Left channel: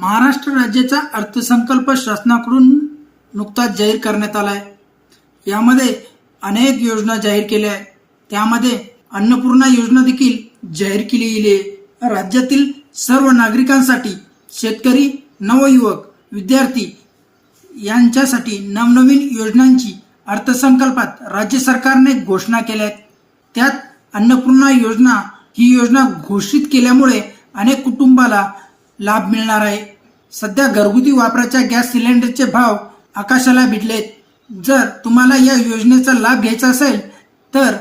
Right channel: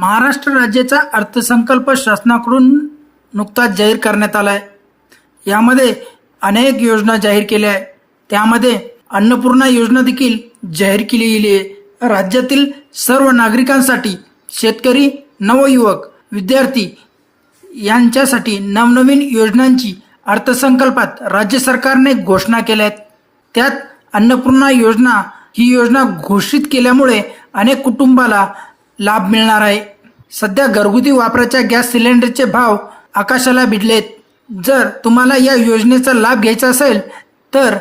महाराष्ट्र राज्याचा अर्थसंकल्प शासनाकडून नुकताच जाहीर करण्यात आला आहे यामध्ये अनेक योजना जाहीर केल्या आहेत. त्यामध्ये अन्नपूर्णा योजना देखील जाहीर केली गेली आहे. राज्यातील सर्व नागरिकांसाठी शेतकरी नवयुवक विद्यार्थी यांच्यासाठी नवनवीन योजनांची अर्थसंकल्पात राज्य सरकारने घोषणा केल्या आहेत. त्यात अन्नपूर्णा योजना ही योजना घोषित केल्यामुळे अनेक कुटुंबाला लाभ मिळणार आहे. सध्या घरगुती वापराच्या गॅस सिलेंडरचे भाव आकाशाला भिडलेत. जर तुम्हाला या योजनेचा लाभ घ्यायचा असेल तर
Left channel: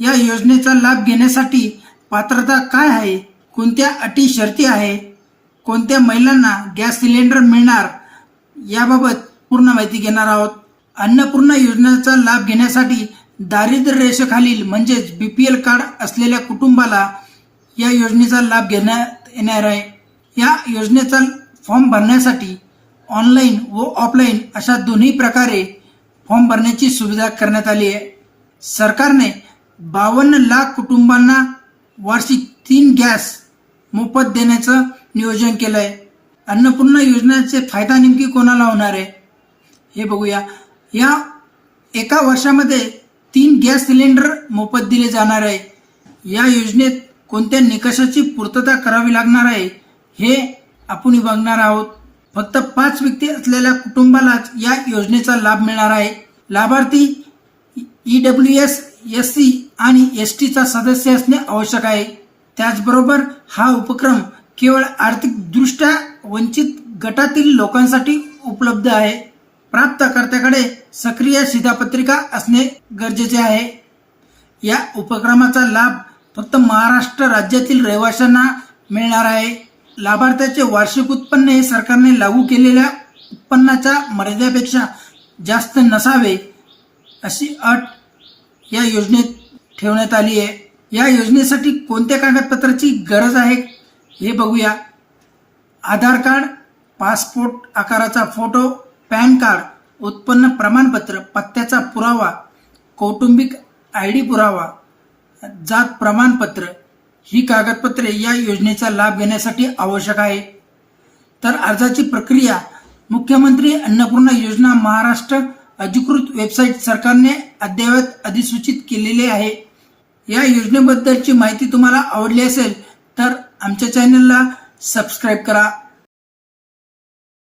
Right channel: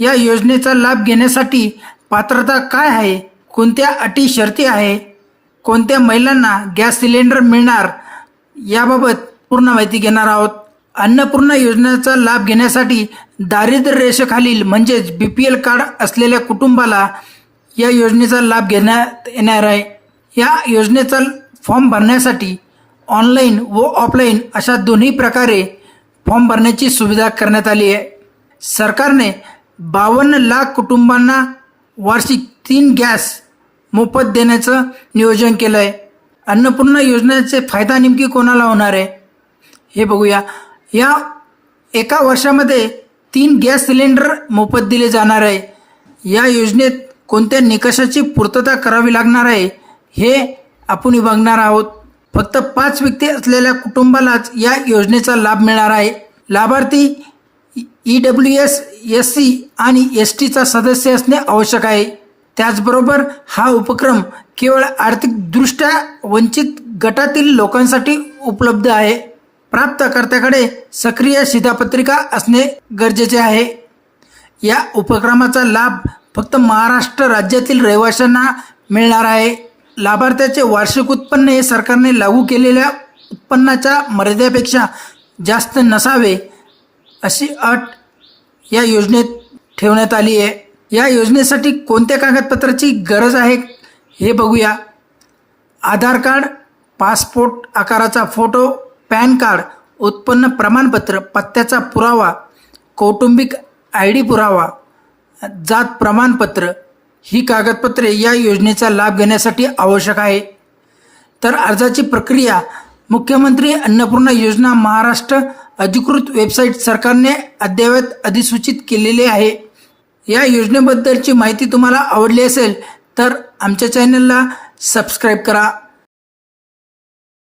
या योजनेचा लाभ घेण्यासाठी पात्रता काय आहे? कोणत्या अटी शर्ती आहे? कोणत्या महिलांना गॅस सिलेंडर मिळणार? याबाबत पूर्ण माहिती घेणार आहोत. अन्नपूर्णा योजनेचा लाभ घेण्यासाठी दारिद्र्य रेषेखालील म्हणजेच बी पी एल कार्ड असलेल्या कुटुंबाला या योजनेचा लाभ घेण्यात येणार आहे. या योजनेचा फॉर्म भरण्यासाठी ऑनलाईन व ऑफलाईन अशा दोन्ही प्रकारे फॉर्म भरण्याची सुविधा करण्यात आली आहे. सरकारने बावन्न लाख कुटुंबांना वार्षिक तीन गॅस मोफत देण्याचं नियोजन केलं आहे. अन्नपूर्णा योजनेचे फायदा नेमकी कोणाला होणार आहे? हे बघूया. या एका वर्षामध्ये तीन गॅस सिलेंडर मोफत दिले जाणार आहे. या योजनेत कोणत्या निकषाची पूर्तता करावी लागणार आहे? हे आपण बघणार आहोत. फक्त पाच व्यक्ती असलेल्या कुटुंबालाच या योजनेचा लाभ मिळणार आहे. लाभार्थी E W S S C आणि एस टीचा सदस्य असणे आवश्यक आहे. त्याचबरोबर हा उपक्रम केवळ आर्थिकदृष्ट्या वंचित गटातील लोकांसाठी उपलब्ध आहे. प्राप्तकर्त्याकडे सक्रिय शिधापत्रिका असणे गरजेचे आहे. या उपक्रमाचा लाभ फक्त महाराष्ट्र राज्यातील रहिवाशांना मिळणार आहे. लाभार्थ्याचे वार्षिक उत्पन्न हे सरकारने लागू केलेल्या उत्पन्नाच्या मर्यादेपेक्षा जास्त नसावे अशी अट या योजनेत ठेवण्यात आली आहे. या योजनेसाठी कोणत्या कागदपत्राची गरज आहे हे बघूया. आधार कार्ड पासपोर्ट आकाराचा फोटो पॅन कार्ड उत्पन्न प्रमाणपत्र पत्त्याचा पुरावा कौटुंबिक आय डी पुरावा जात प्रमाणपत्र ही कागदपत्रे या योजनेचा लाभ घेण्यासाठी आवश्यक आहे. तर अर्जाची प्रक्रिया मुख्यमंत्री अन्नपूर्णा योजना महाराष्ट्र अधिकृत वेबसाईट सरकारने अद्ययावत अधिसूचित केलेली आहे. या योजनेबद्दलची माहिती तुम्हाला आवडली असेल तर आमच्या चॅनलला सबस्क्राईब करा.